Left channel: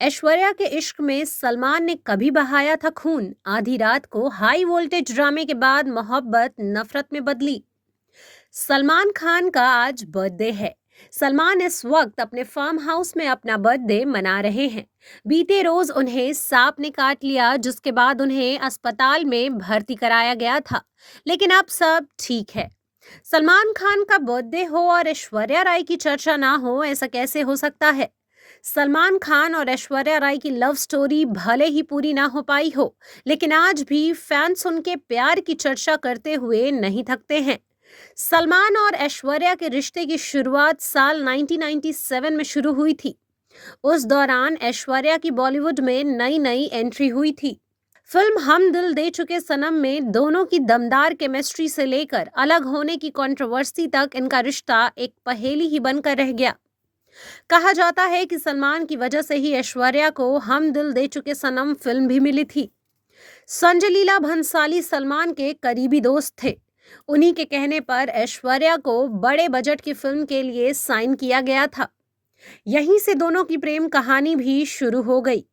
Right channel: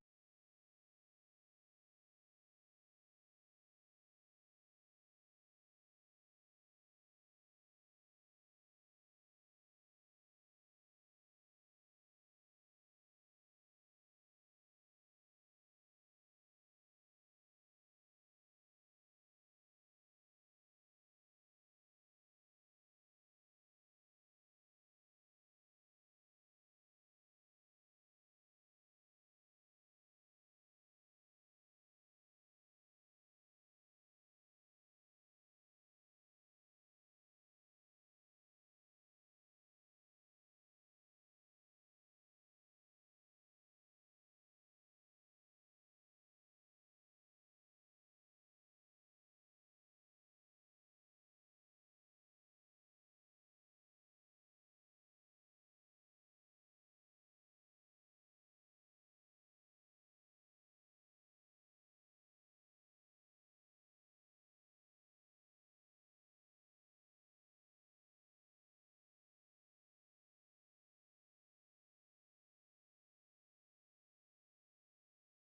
ऐश्वर्या के इश्क में सलमान ने कभी बहाया था खून। आधी रात को हाई वोल्टेज ड्रामे के बाद मोहब्बत नफरत में बदली। सलमान खान का आज बर्थडे है। सलमान इस वक्त अपने फार्म हाउस में अपना बर्थडे मना रहे हैं। बीते रोज उन्हें सांप ने काट लिया, जिसके बाद उन्हें अस्पताल में भर्ती कराया गया था, लेकिन अब सब ठीक है। सलमान खान का बर्थडे हो और ऐश्वर्या राय की चर्चा ना हो, ऐसा कैसे हो सकता है? सलमान खान और ऐश्वर्या राय की लव स्टोरी भले ही पूरी ना हो पाई हो, लेकिन आज भी फैंस उनके प्यार की चर्चा करते हुए नहीं थकते हैं। सलमान और ऐश्वर्या के रिश्ते की शुरुआत साल 1997 में शुरू हुई थी। उस दौरान ऐश्वर्या की बॉलीवुड में नई नई एंट्री हुई थी। फिल्म हम दिल दे चुके सनम में दोनों की दमदार केमिस्ट्री से लेकर अलग होने की कंट्रोवर्सी तक इनका रिश्ता एक पहेली ही बनकर रह गया। कहा जाता है कि सलमान की वजह से ही ऐश्वर्या को हम दिल दे चुके सनम फिल्म भी मिली थी। संजय लीला भंसाली सलमान के करीबी दोस्त थे। उन्हीं के कहने पर ऐश्वर्या को बड़े बजट की फिल्म के लिए साइन किया गया था। यहीं से दोनों की प्रेम कहानी भी शुरू हो गई।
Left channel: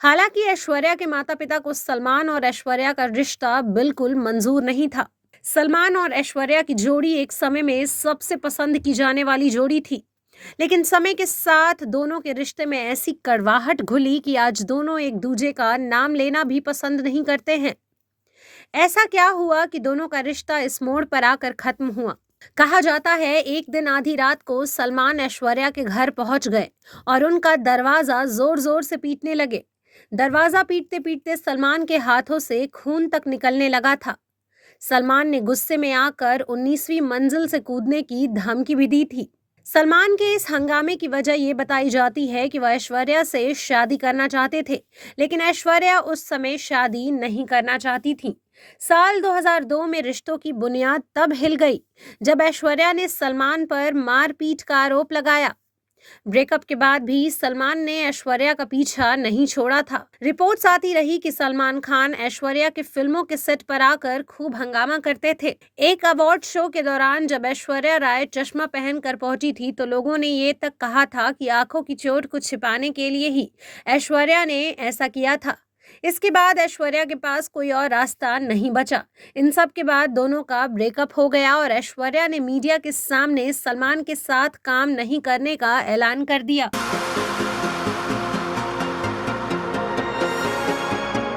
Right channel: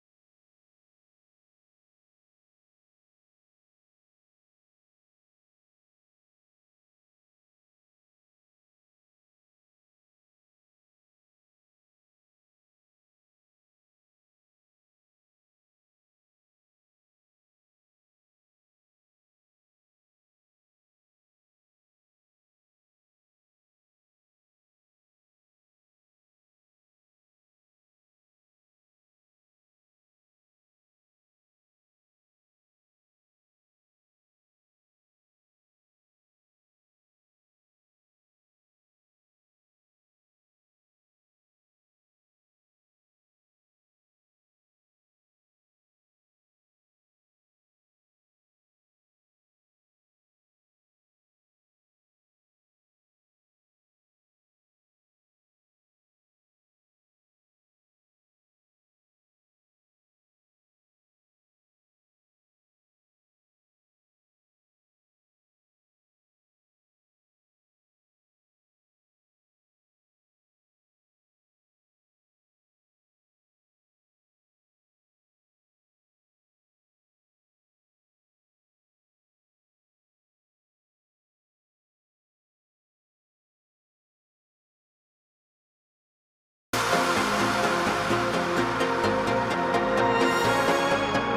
हालांकि ऐश्वर्या के माता पिता को सलमान और ऐश्वर्या का रिश्ता बिल्कुल मंजूर नहीं था। सलमान और ऐश्वर्या की जोड़ी एक समय में सबसे पसंद की जाने वाली जोड़ी थी, लेकिन समय के साथ दोनों के रिश्ते में ऐसी कड़वाहट घुली कि आज दोनों एक दूजे का नाम लेना भी पसंद नहीं करते हैं। ऐसा क्या हुआ कि दोनों का रिश्ता इस मोड़ पर आकर खत्म हुआ? कहा जाता है एक दिन आधी रात को सलमान ऐश्वर्या के घर पहुंच गए और उनका दरवाजा जोर जोर से पीटने लगे। दरवाजा पीटते पीटते सलमान के हाथों से खून तक निकलने लगा था। सलमान ने गुस्से में आकर 19वीं मंजिल से कूदने की धमकी भी दी थी। सलमान के इस हंगामे की वजह ये बताई जाती है कि वह ऐश्वर्या से शादी करना चाहते थे, लेकिन ऐश्वर्या उस समय शादी नहीं करना चाहती थी। साल 2002 में रिश्तों की बुनियाद तब हिल गई जब ऐश्वर्या ने सलमान पर मारपीट का आरोप लगाया। ब्रेकअप के बाद भी सलमान ने ऐश्वर्या का पीछा नहीं छोड़ा था। रिपोर्ट्स आती रही कि सलमान खान ऐश्वर्या के फिल्मों के सेट पर आकर खूब हंगामा करते थे। एक अवार्ड शो के दौरान जब ऐश्वर्या राय चश्मा पहनकर पहुंची थी तो लोगों ने ये तक कहा था कि आंखों की चोट को छिपाने के लिए ही ऐश्वर्या ने ऐसा किया था। इसके बाद ऐश्वर्या के पास कोई और रास्ता नहीं बचा। इन सब के बाद दोनों का ब्रेकअप हो गया और ऐश्वर्या ने मीडिया के सामने सलमान के साथ काम नहीं करने का ऐलान कर दिया।